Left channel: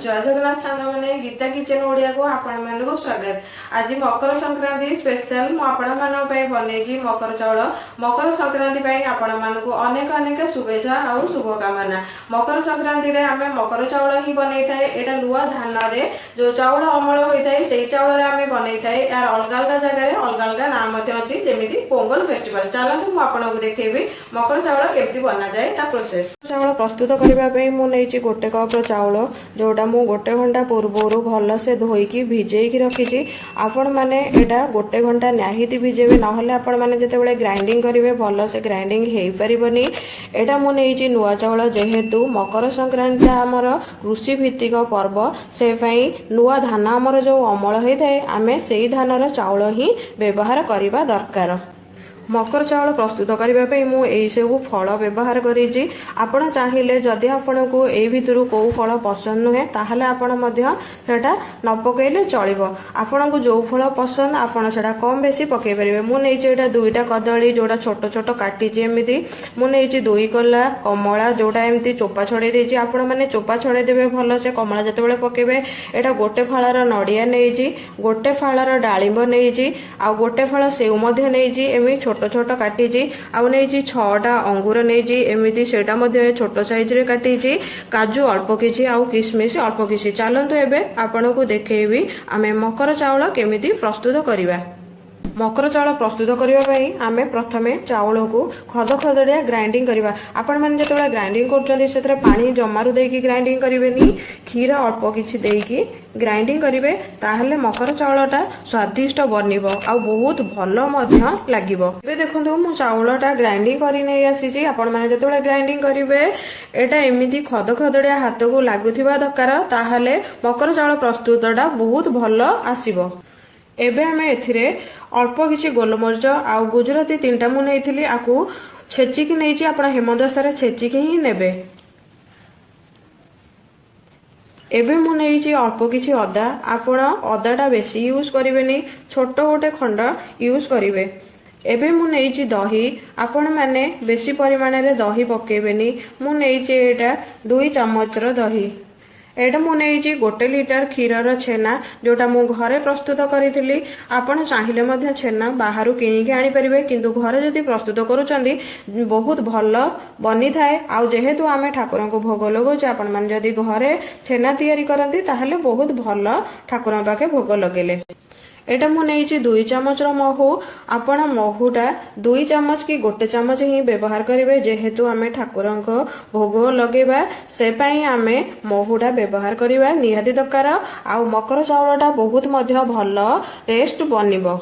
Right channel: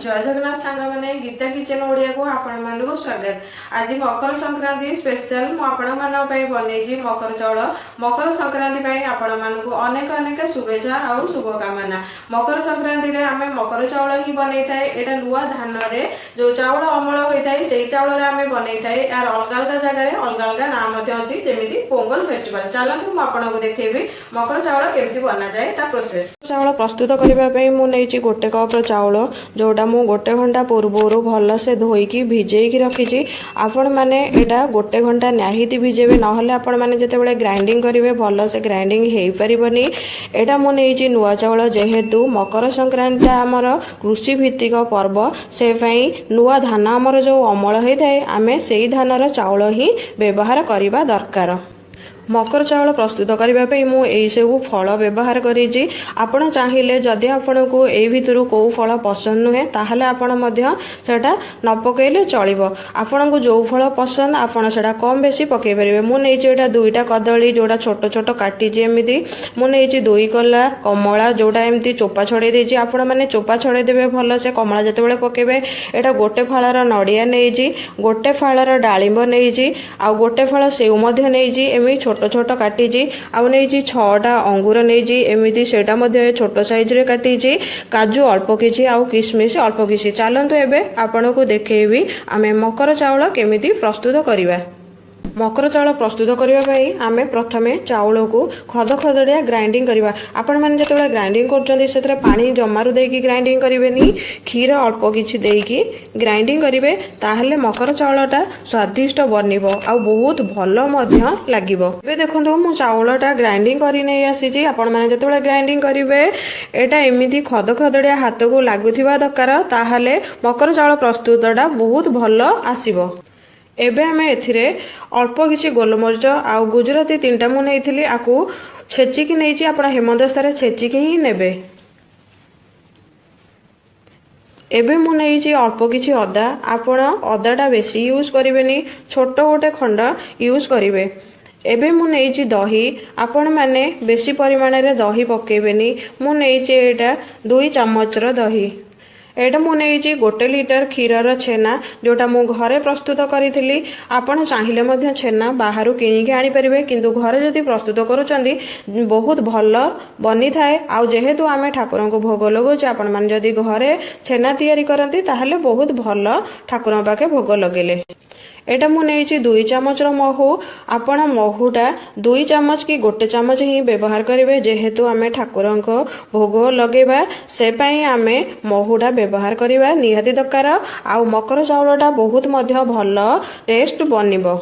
जय जगन्नाथ सांग मैंने गीता किचन ओडिया को आपण मानक स्वागत। आज मकर संक्रांति स्पेशल मुझे बनई मकर चाउल। मकर संक्रांति आपण मानक अनेक अनेक शुभेच्छा और शुभकामना। मकर संक्रांति रे आमे मकर चाउल ही बनई थाए। एटा नुआ धान रे जो चाउल अमल होता है से चाउल रे आमे बनई थाए। यार अलग अलग जगह अलग अलग नाम अच्छी जमी पोंगल फेस्टिवल। चलतु मुझे देखी मकर चाउल केमती बना जाए ता प्रोसेस। चाउल प्रस्तुत करने मुझे गोटे कप चाउल जोटा मु गोटे घंटा पूर्वर भल से धोईकी भिजेकी रखी। आपण मैंने यहाँ गोटे घंटा निहाती भिजेबे ना आपण मैंने जिते ग्राइंडिंग करेंगे भल से ग्राइंडिंग हो पारनी। यहाँ मुझे नुआ चाउल जेहेतु मकर संक्रांति आमर कृषि भित्तिक पर्व से नुआ धान आमर जो अमल होता है आम से धानर चाउल ही व्यवहार करने दरकार। मकर चाउल प्रस्तुत करने मुझे सब फल व्यवहार करी। आपण चाहिए जदि आपण को यही भितर कौ फल पसंद नुहे ताहले आपण सेटा न पकेले चलिबो। आपण को जो फल पसंद आपण सेटा कम बेसी पकई पारे। मुझे दुईटा कदली जोड़ा छोट छोट काटी एमती मुझे दुई कला कमला जोड़ा एमती चोपा छड़े देछि। आपण माने चोपा छड़े देबे भल से कमला जते पकेबे। एटा गोटे फलर नड़िया नहीं गोटे फलर डालिंब नहीं आ गोटे फल सेव नहीं एमि छोट छोट काटी आउ नहीं 6टा अंगूर नहीं एमती सेटा छोट साइज रे काटी काजू अल्प किछि आउ किशमिश अल्प किछि। चलतु एबे आपन को देखैबी आमे मकर चाउल केमिति प्रस्तुत करिबा। मकर चाउल प्रस्तुत करने आम प्रथमे चाउल को खद खदड़िया ग्राइंडिंग करवा। आपण मैंने जो ग्राइंडिंग कर पानी जमारू देकी ग्राइंडिंग करेंगे क्षीर अल्प किछि देकी ग्राइंडिंग करेंगे ताहले मकर चाउलटा स्वादिष्ट बनिब आ बहुत भल लागिबो। एबे देखंतु मु चाउलटा ग्राइंडिंग करि नै आसी। आपण मैंने जो ग्राइंडिंग करेंगे एटा एमिति खद खदड़िया हाथ को लागुथिबा दरकार ताहले मकर चाउल प्रस्तुतटा बहुत भल आसीबो। एबे आमे एथिरे अल्प किछि गोलमरिच आउ गुजराती 3टा मु नैथिली आकु छेचिकी नैछि। आपण हेमदस्तार छेचिकी ही नेबे। एबे मु नैछि अल्प किछि अदा। आपण अदाटा बेसी यूज करिवेनी छोट गोटे खंड यूज करिवे। एबे मु नैछि दही। आपण माने बेसी परिमाण रे दही पकेबेनी। मु नैछि एटा 2 चम्मच रो दही। एटा मु नैछि 1 लीटर क्षीरर छेना जोटा मु घरे प्रस्तुत करी। आपण चाहिए मध्य छेना बाहर किणिकी आनी परिबे किंतु घरे जदि प्रस्तुत करूचंदी बहुत भल बनी थाए। आ जेहेतु आमे ठाकुर को भोग लगौचे आपण माने जदि घरे छेना तैयारी करंती ताहले बहुत भल ठाकुर पाखे भोग लगेले। एटा मु नैछि 2 चम्मच महू। आपण महूटा 2 चम्मच कि 1 चम्मच ही व्यवहार करेंगे जेहेतु आमे ठाकुर को भोग लगेबा से पई आमे महूटा व्यवहार करवा निहाती दरकार। आउ मकर चाउलटा बहुत मध्य भल टेस्ट बनिबो।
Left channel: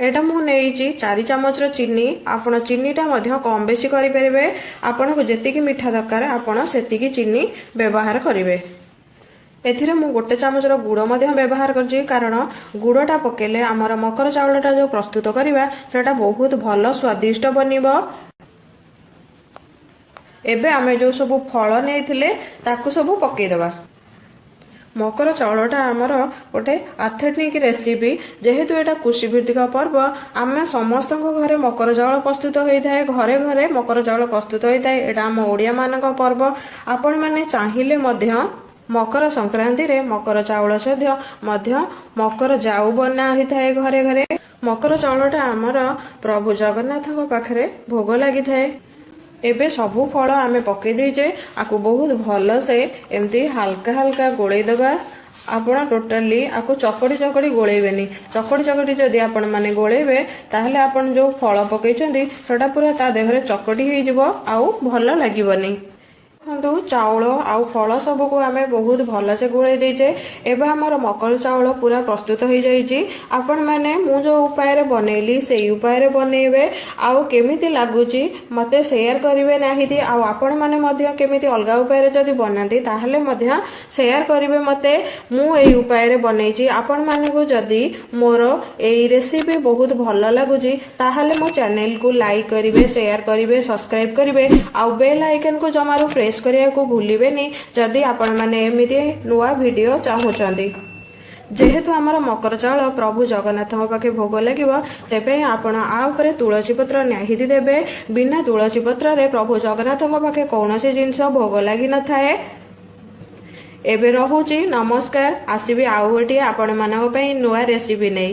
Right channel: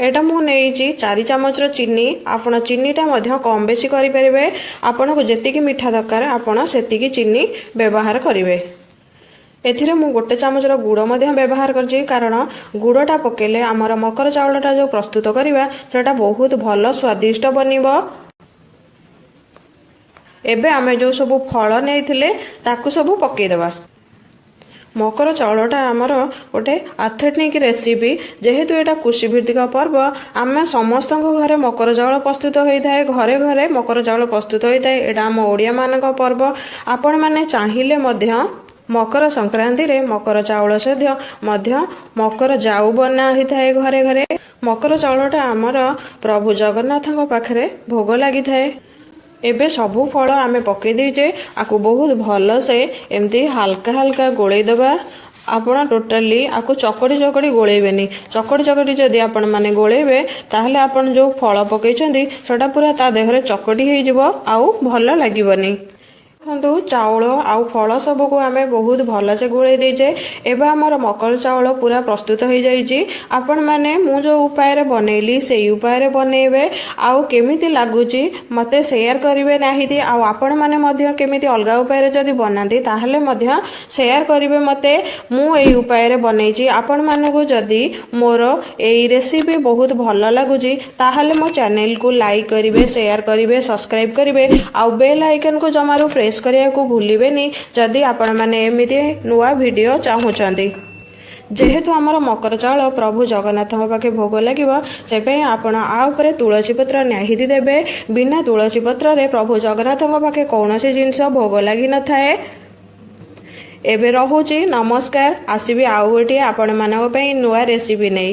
एटा मु नैछि 4 चम्मच चीनी। आपण चीनीटा मध्य कम बेसी करि परिबे। आपण को जेतिकी मीठा दरकार आपण सेतिकी चीनी व्यवहार करिवे। एथिरे मु 1 चम्मच गुड़ व्यवहार करछि कारण गुड़टा पकेले आमर मकर चाउलटा जो प्रस्तुत करवा सेटा बहुत भल स्वादिष्ट बनिबो। एबे आमे जो सब फल नैथिले ताकू सब पकेई देबा। मकर चाउलटा आमर गोटे आथेनिक रेसिपी जेहेतु एटा कृषि भित्तिक पर्व आम समस्त घरे मकर चाउल प्रस्तुत होता है। घरे घरे मकर चाउल प्रस्तुत होता है। एटा आम ओडिया मानक पर्व। आपण माने चाहिए मध्य मकर संक्रांति रे मकर चाउल सद्य मध्य मकर जाऊ बना होता है घरे घरे। मकर चाउलटा आमर प्रभु जगन्नाथ पाखरे भोग लगी थाए। एबे सबू फल आमे पके देजे आकु बहुत भल से एमती हल्का हल्का गोले देबा। आपण टोटाली आकु चकड़ी चकड़ी गोलेबेनी। चकड़ी चकड़ी जदि आपण माने गोलेबे ताहले आपण जो फल पकेइछंदी सेटा पूरा ता देहरे चकड़ी हेइ जिवो आउ भल लागिबनी। चाउल आउ फल सब को आमे बहुत भल से गोले देजे। एबे हमर मकर चाउल पूरा प्रस्तुत हो जाइछि। आपण माने मु जो उपाय रे बनेली सेही उपाय रे बनेबे आउ केमिति लागुछि मते शेयर करिवे नाहिति। आउ आपण माने मध्य केमिति अलगा उपाय रे जदि बनांती ताहले मध्य शेयर करिवे मते। मु एही उपाय रे बनैछि। आपण माने को जदि मोर एही रेसिपी बहुत भल लागुछि ताहले मो चैनल को लाइक करिवे शेयर करिवे सब्सक्राइब करिवे आउ बेल आइकन को जमारो प्रेस करिया को भूलिबेनी जदि आपण माने एमिति नुआ वीडियो चाहुचंदी। जेहेतु आमर मकर चाउल प्रभु जगन्नाथ पाखे भोग लगे से आपण आ उपरे तुलसी पत्र निहाती देबे। बिना तुलसी पत्र रे प्रभु जगन्नाथ पाखे कौन सी जिनस भोग लगी न थाए। ଏବେ ରହୁଛି, ନମସ୍କାର। ଆସିବି ଆଉ ଗୋଟିଏ ଆପଣମାନଙ୍କ ପାଇଁ ନୂଆ ରେସିପି ନେଇ।